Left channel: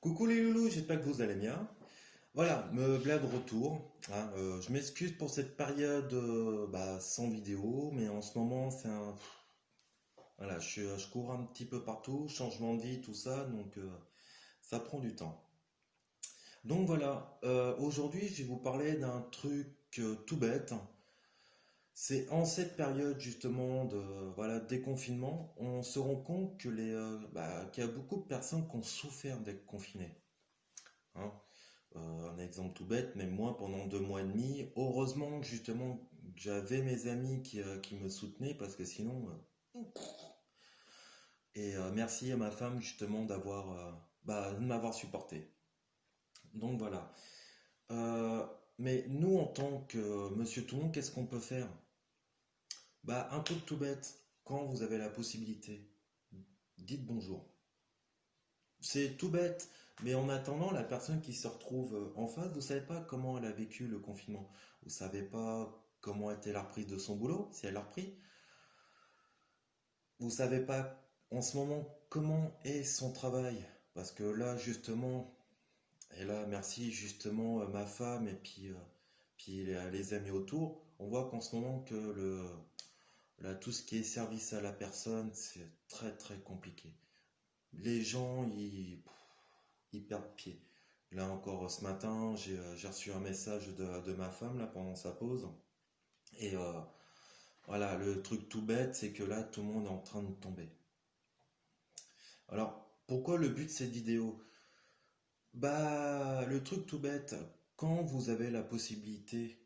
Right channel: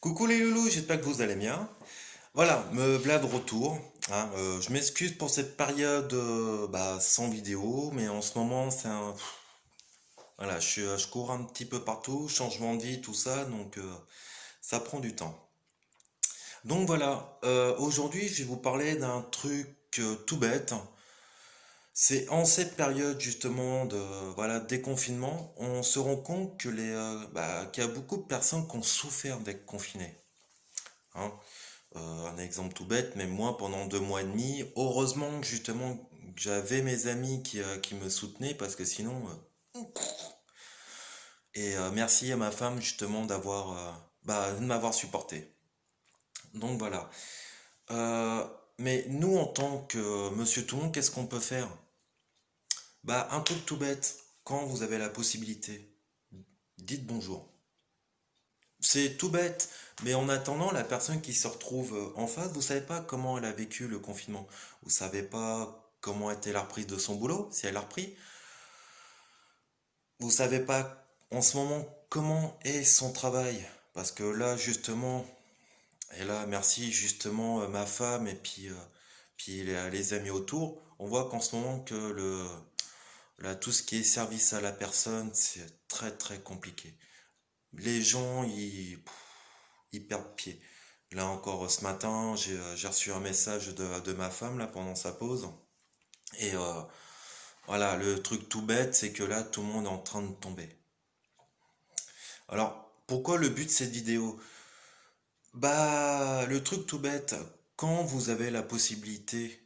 Coucou les loulous, j'espère que vous allez bien. Voilà, me voilà de retour, hein. Je m'excuse pour cette période sans vidéo, mais en ce moment c'est un... Voilà, je cours un petit peu partout, changement de vie, tout ça, donc ça prend du temps. Donc voilà, aujourd'hui je vais vous parler d'un truc tout bête. C'est en cette période justement de voilà déconfinement, on se rend compte que qu'il y a beaucoup de personnes qui ont souffert d'être confinées, hein. Un exemple tout bête, mais moi pendant 2 mois et demi, heureusement justement que j'avais mes amis qui me soutenaient parce que sinon, merci à ma femme justement de m'avoir supporté. Donc voilà. Euh, mais nous en tant que Monsieur Tout le monde, qu'est-ce qu'on peut faire? Bah un truc tout bête. Quand vous avez la possibilité, dites bonjour. C'est tout bête, mais en attendant, la personne qui se retrouve en face, vous savez pas comment elle a vécu le confinement. Vous savez pas comment était la reprise de son boulot, si elle a repris. Vous savez pas en ce moment comment est son travail. Parce que là, justement, et là, merci justement ma femme et puis les amis autour, on voit qu'en ce moment que là, tout ce qui est service à la personne, c'est très très compliqué. Les gens, ils perdent pied. Là encore, ce matin, j'ai reçu un message de ma femme là pendant sa pause. Et voilà, le truc tout bête, c'est que là, tout le monde est en train de tomber. Alors, pourquoi le but de cette vidéo? Bah, le truc tout bête, quand vous avez la possibilité,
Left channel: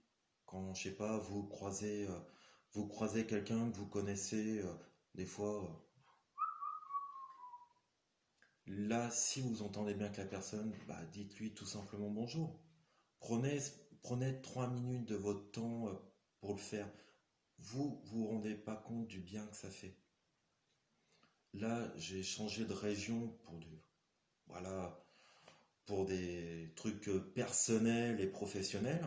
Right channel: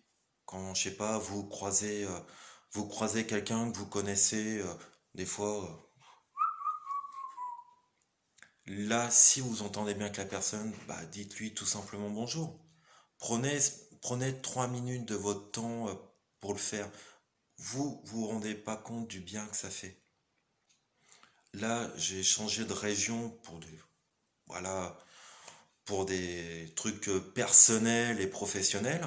quand, je sais pas, vous croisez quelqu'un que vous connaissez, des fois, là, si vous entendez bien que la personne, bah, dites-lui tout simplement bonjour. Prenez, prenez 3 minutes de votre temps pour le faire. Vous rendez pas compte du bien que ça fait. Là, j'ai changé de région voilà, pour des trucs personnels et professionnels.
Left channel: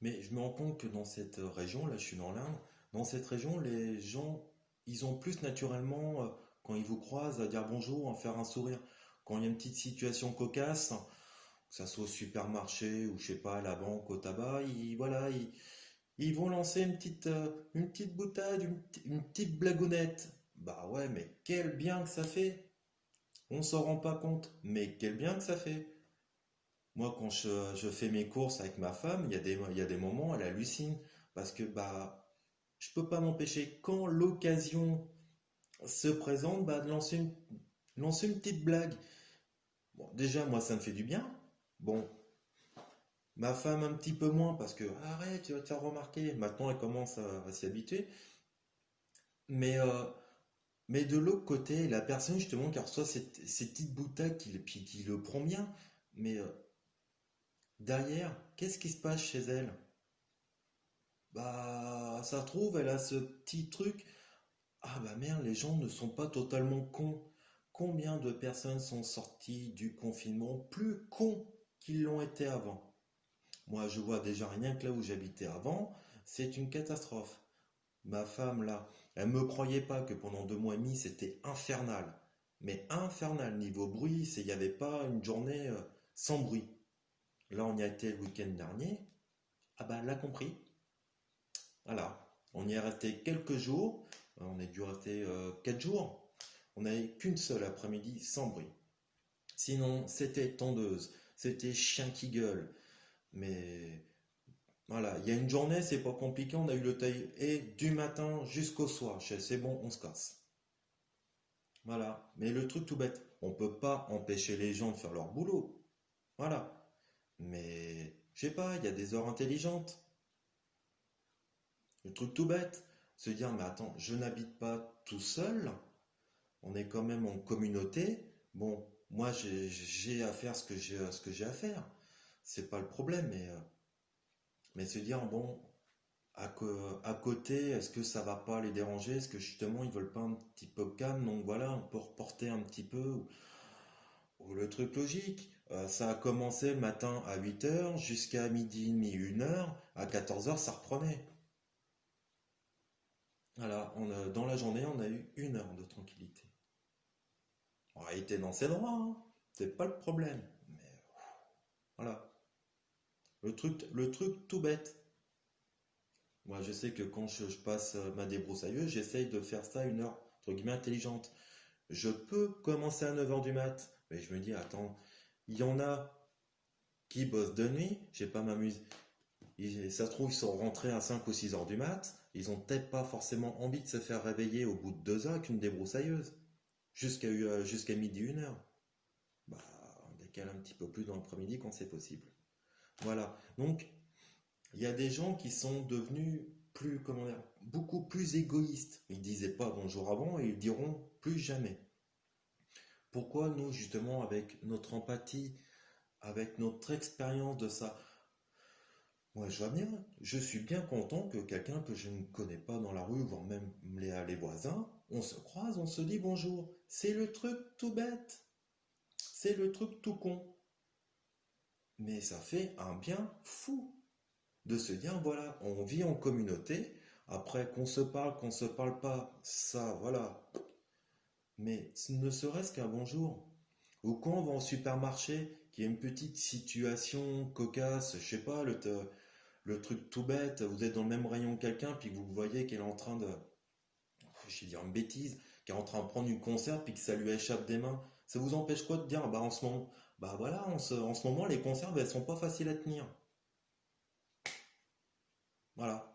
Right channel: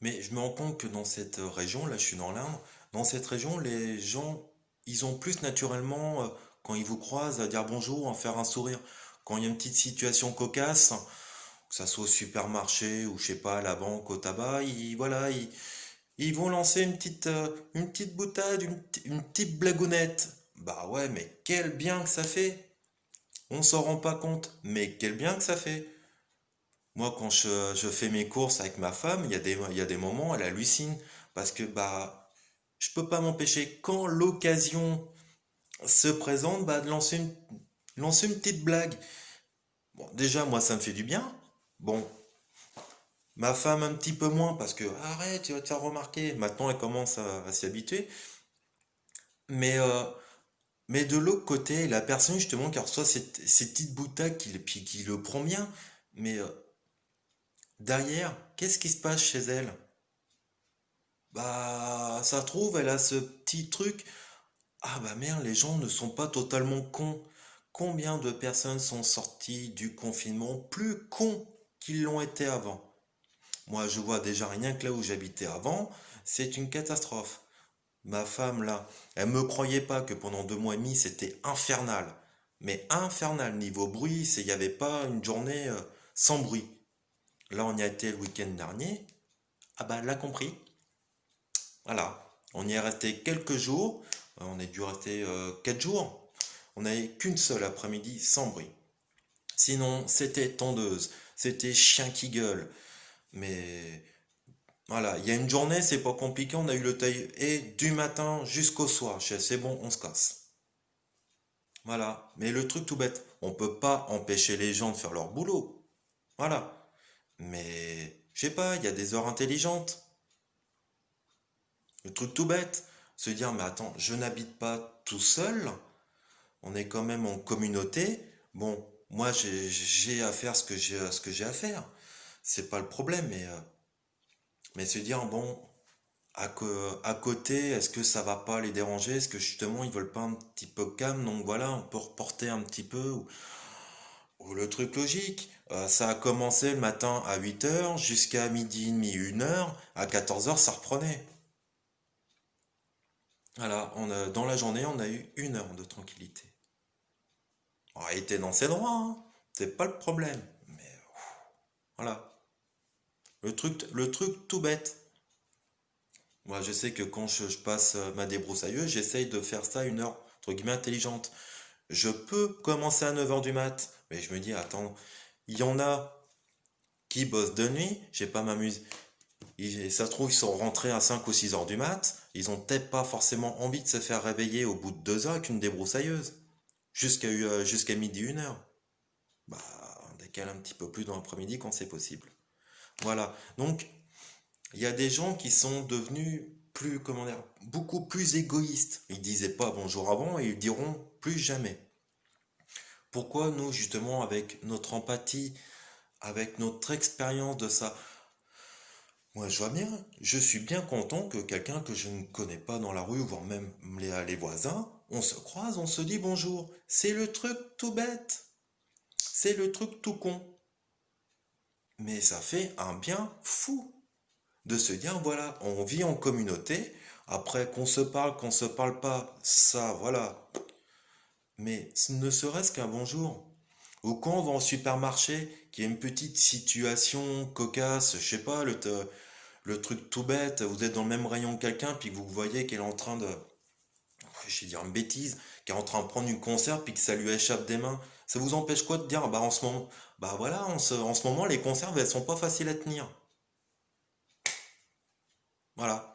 Mais je me rends compte que dans cette région, là, je suis dans l'Indre, dans cette région, les gens, ils ont plus naturellement, quand ils vous croisent, à dire bonjour, à faire un sourire. Quand il y a une petite situation cocasse, que ça soit au supermarché ou je sais pas, à la banque, au tabac, ils vont lancer une petite boutade, une petite blagounette. Bah ouais, mais quel bien que ça fait. On s'en rend pas compte, mais quel bien que ça fait. Moi, quand je fais mes courses avec ma femme, il y a des moments, elle hallucine. Parce que bah, je peux pas m'empêcher, quand l'occasion se présente, bah, de lancer une petite blague. Bon, déjà, moi, ça me fait du bien. Bon, ma femme un petit peu moins parce que arrête, tu vas te faire remarquer. Maintenant, elle commence à s'y habituer. Mais, euh, mais de l'autre côté, la personne justement qui reçoit cette petite boutade qui le prend bien, mais derrière, qu'est-ce qui se passe chez elle? Bah, ça trouve, elle a ce petit truc. Ah bah merde, les gens ne sont pas totalement cons. Combien de personnes sont sorties du confinement plus cons qu'ils l'ont été avant? Moi, je vois déjà rien que là où j'habitais avant, c'est une catastrophe. Ma femme, là, elle me croyait pas que pendant 2 mois et demi, c'était infernal. Mais infernal, niveau bruit, il n'y avait pas une journée sans bruit. Là, on y a été le week-end dernier. Ah bah, elle l'a compris. Voilà. On y est resté quelques jours. On a dû rester 4 jours. On n'avait qu'une seule après-midi sans bruit. Sinon, c'était tondeuse. C'était chien qui gueule. Mais voilà, il y a une journée, c'est pas compliqué, on a eu le taille et du matin jusqu'au soir. C'est bon, on se casse. Voilà. Mais le truc tout bête, on peut pas empêcher les gens de faire leur boulot. Voilà. Mais je sais pas, il y a des heures intelligentes. Le truc tout bête, se dire mais attends, je n'habite pas tout seul. On est quand même en communauté. Bon, moi j'ai à faire ce que j'ai à faire. C'est pas le problème, mais se dire bon, à côté, est-ce que ça va pas les déranger? Est-ce que justement ils veulent pas un petit peu calme? Donc voilà, on peut reporter un petit peu. Ou le truc logique, ça a commencé le matin à 8 heures jusqu'à midi et demi, 1 heure. À 14 heures ça reprenait. Voilà, dans la journée, on a eu 1 heure de tranquillité. On a été dans ses droits, hein. c'est pas le problème. Mais voilà. Le truc tout bête. Moi, je sais que quand je passe ma débroussailleuse, j'essaye de faire ça une heure, entre guillemets, intelligente. Je peux commencer à 9 heures du mat, mais je me dis, attends, il y en a qui bossent de nuit, j'ai pas m'amuse. Ça se trouve, ils sont rentrés à 5 ou 6 heures du mat, ils ont peut-être pas forcément envie de se faire réveiller au bout de 2 heures avec une débroussailleuse, jusqu'à midi, 1 heure. Bah, on décale un petit peu plus dans l'après-midi quand c'est possible. Voilà. Donc, il y a des gens qui sont devenus plus, comment dire, beaucoup plus égoïstes. Ils disaient pas bonjour avant et ils diront plus jamais. Pourquoi nous, justement, avec notre empathie, avec notre expérience de ça, moi je vois bien, je suis bien content que quelqu'un que je ne connais pas dans la rue, voire même les voisins, on se croise, on se dit bonjour. C'est le truc tout bête, c'est le truc tout con. Mais ça fait un bien fou de se dire, voilà, on vit en communauté, après qu'on se parle pas, ça, voilà. Mais ne serait-ce qu'un bonjour. Ou quand on va au supermarché, qu'il y a une petite situation cocasse, je sais pas, le truc tout bête, vous êtes dans le même rayon que quelqu'un, puis que vous voyez qu'elle est en train de, je vais dire une bêtise, qu'elle est en train de prendre une conserve, puis que ça lui échappe des mains. Ça vous empêche quoi de dire, bah en ce moment, bah voilà, en ce moment, les conserves, elles sont pas faciles à tenir. Voilà.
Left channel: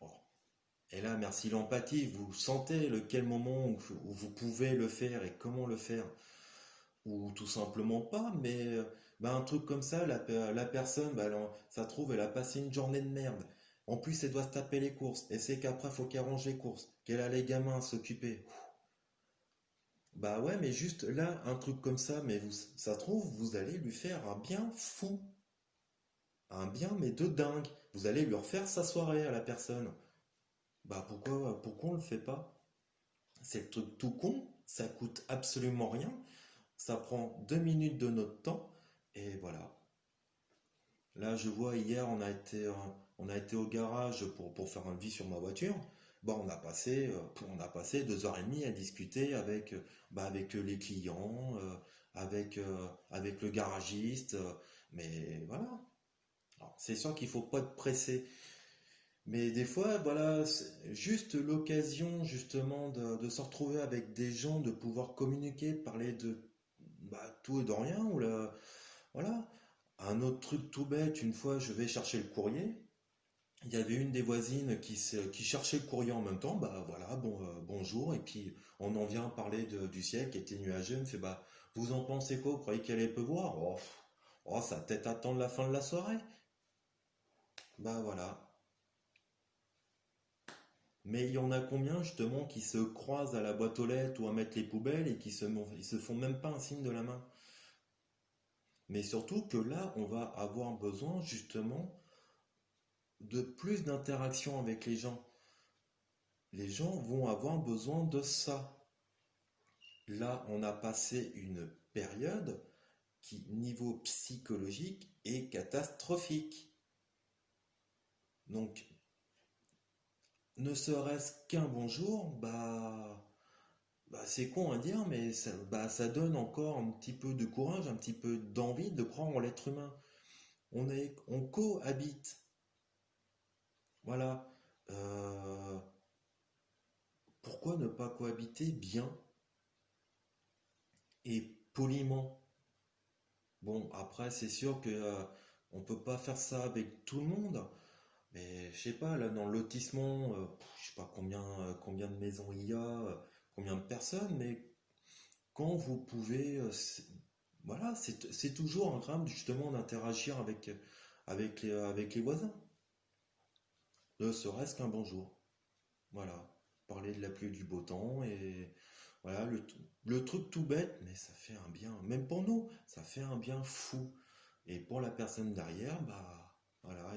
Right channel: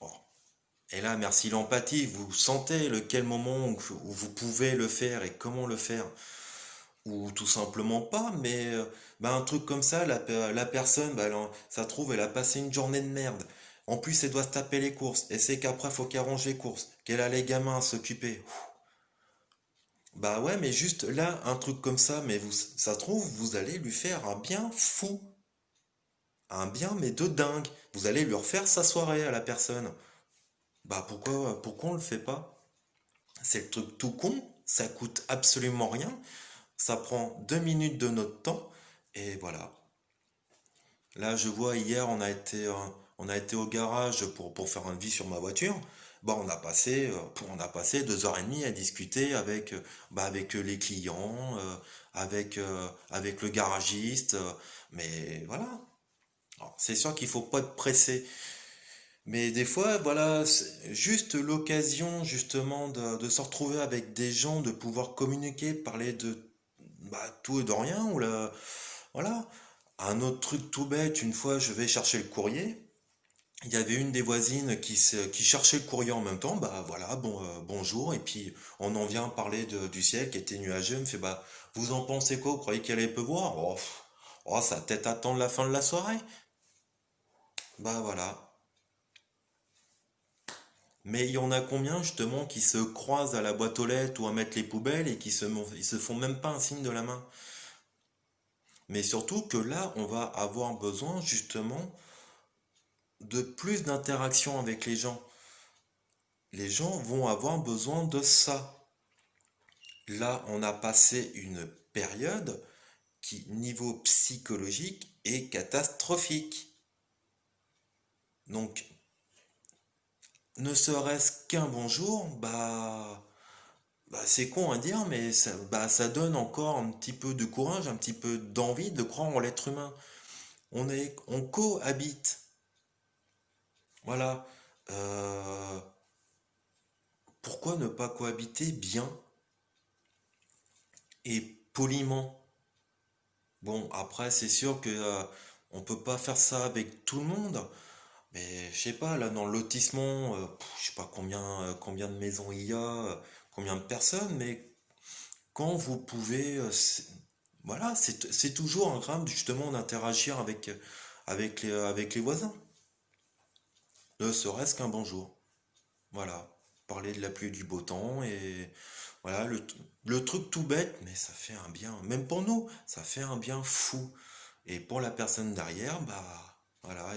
Oh. Et là, merci l'empathie, vous sentez lequel moment où vous pouvez le faire et comment le faire. Ou tout simplement pas, mais bah, un truc comme ça, la personne, bah, ça trouve, elle a passé une journée de merde. En plus, elle doit se taper les courses. Et c'est qu'après, faut qu'elle range les courses, qu'elle a les gamins à s'occuper. Bah ouais, mais juste là, un truc comme ça, mais vous, ça se trouve, vous allez lui faire un bien fou. Un bien, mais de dingue. Vous allez lui refaire sa soirée à la personne. Bah pourquoi on le fait pas? C'est le truc tout con, ça coûte absolument rien, ça prend 2 minutes de notre temps, et voilà. Là, je vois hier, on a été au garage pour faire un devis sur ma voiture. Bah, on a passé 2 heures et demie à discuter avec, bah, avec les clients, avec le garagiste. Mais voilà. Alors, c'est sûr qu'il faut pas être pressé. Mais des fois, voilà, c'est juste l'occasion justement de se retrouver avec des gens, de pouvoir communiquer, parler de bah, tout et de rien, ou là, voilà. Un autre truc tout bête, une fois je vais chercher le courrier, il y avait une des voisines qui cherchait le courrier en même temps, bah voilà, bonjour, et puis on en vient parler du ciel qui était nuageux, elle me fait bah vous en pensez quoi, vous croyez qu'elle allait pleuvoir? Oh, ça va peut-être attendre la fin de la soirée. Bah voilà. Mais il y en a combien justement qui se croisent à la boîte aux lettres ou à mettre les poubelles et ils se font même pas un signe de la main. Mais surtout que là, on va avoir besoin justement de plus d'interaction avec les gens. Les gens vont avoir besoin de ça. Là, on a passé une période qui, niveau psychologique, est catastrophique. Donc, ne serait-ce qu'un bonjour, bah, c'est con à dire, mais ça donne encore un petit peu de courage, un petit peu d'envie de croire en l'être humain. On cohabite. Voilà. Euh, Pourquoi ne pas cohabiter bien et poliment? Bon, après, c'est sûr que on peut pas faire ça avec tout le monde, mais je sais pas, là dans le lotissement, je sais pas combien de maisons il y a, combien de personnes, mais quand vous pouvez, voilà, c'est toujours agréable justement d'interagir avec les voisins, ne serait-ce qu'un bonjour. Voilà, parler de la pluie et du beau temps et voilà le truc tout bête, mais ça fait un bien, même pour nous, ça fait un bien fou. Et pour la personne derrière, bah voilà,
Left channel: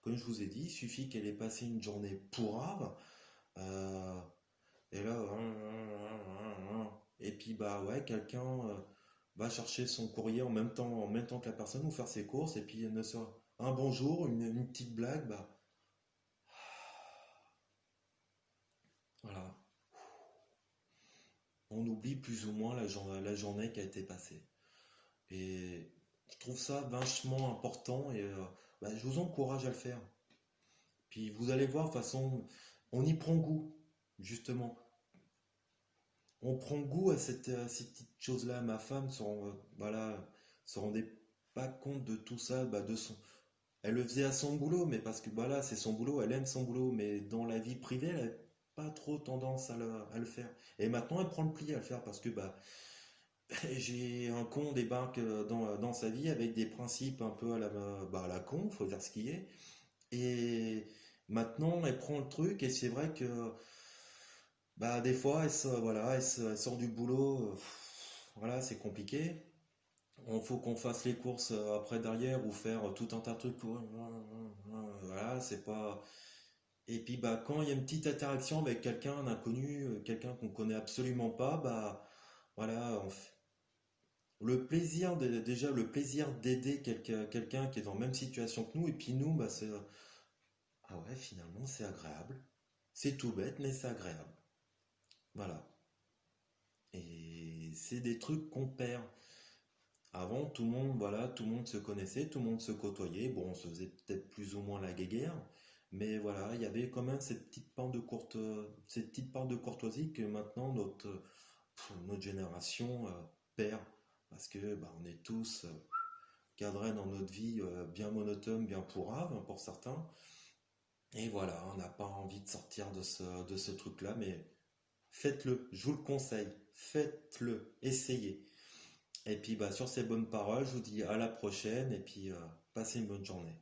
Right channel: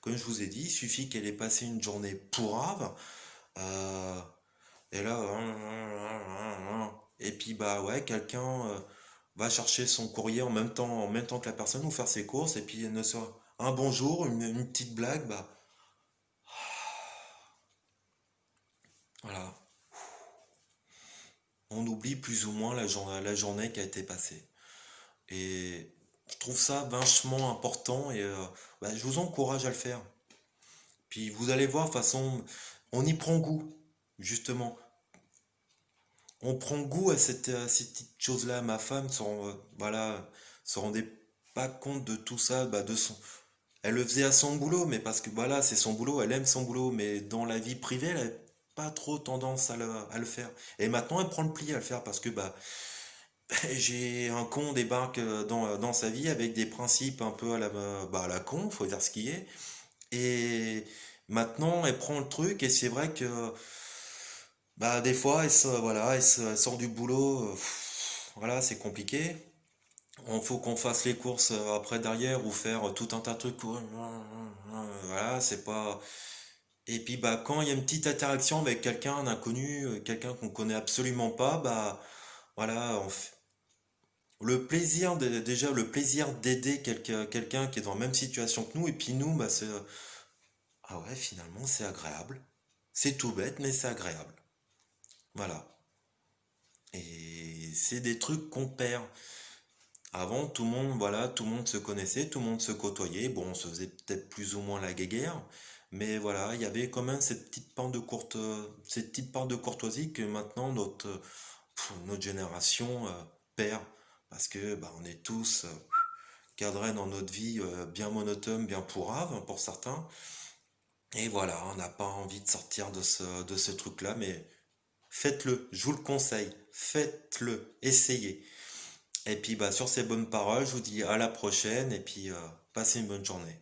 comme je vous ai dit, il suffit qu'elle ait passé une journée pourrave, euh, et là, et puis bah ouais, quelqu'un va chercher son courrier en même temps que la personne ou faire ses courses, et puis ne sera un bonjour, une petite blague, bah voilà. On oublie plus ou moins la journée qui a été passée. Et je trouve ça vachement important et bah, je vous encourage à le faire. Puis vous allez voir, de toute façon, on y prend goût, justement. On prend goût à ces petites choses-là. Ma femme voilà, se rendait pas compte de tout ça, bah, elle le faisait à son boulot, mais parce que voilà, c'est son boulot, elle aime son boulot, mais dans la vie privée, elle n'a pas trop tendance à le faire. Et maintenant, elle prend le pli à le faire parce que bah, j'ai un con débarque dans sa vie avec des principes un peu à la con, faut dire ce qui est. Et maintenant, elle prend le truc et c'est vrai que bah, des fois, voilà, elle sort du boulot, voilà, c'est compliqué. Il faut qu'on fasse les courses après derrière ou faire tout un tas de trucs. Voilà, c'est pas. Et puis bah quand il y a une petite interaction avec quelqu'un, un inconnu, quelqu'un qu'on connaît absolument pas, bah voilà, déjà le plaisir d'aider quelqu'un qui est dans la même situation que nous, et puis nous, bah c'est ah ouais, finalement c'est agréable. C'est tout bête, mais c'est agréable. Voilà. Et c'est des trucs qu'on perd. Avant, tout le monde, voilà, tout le monde se connaissait, tout le monde se côtoyait. Bon, on se faisait peut-être plus ou moins la guéguerre, mais voilà, il y avait quand même cette petite part de courtoisie que maintenant notre génération perd, parce que bah, on est tous cadrés dans notre vie bien monotone, bien pourrave hein, pour certains. Et voilà, on n'a pas envie de sortir de ce truc-là, mais faites-le, je vous le conseille, faites-le, essayez. Et puis bah, sur ces bonnes paroles, je vous dis à la prochaine et puis passez une bonne journée.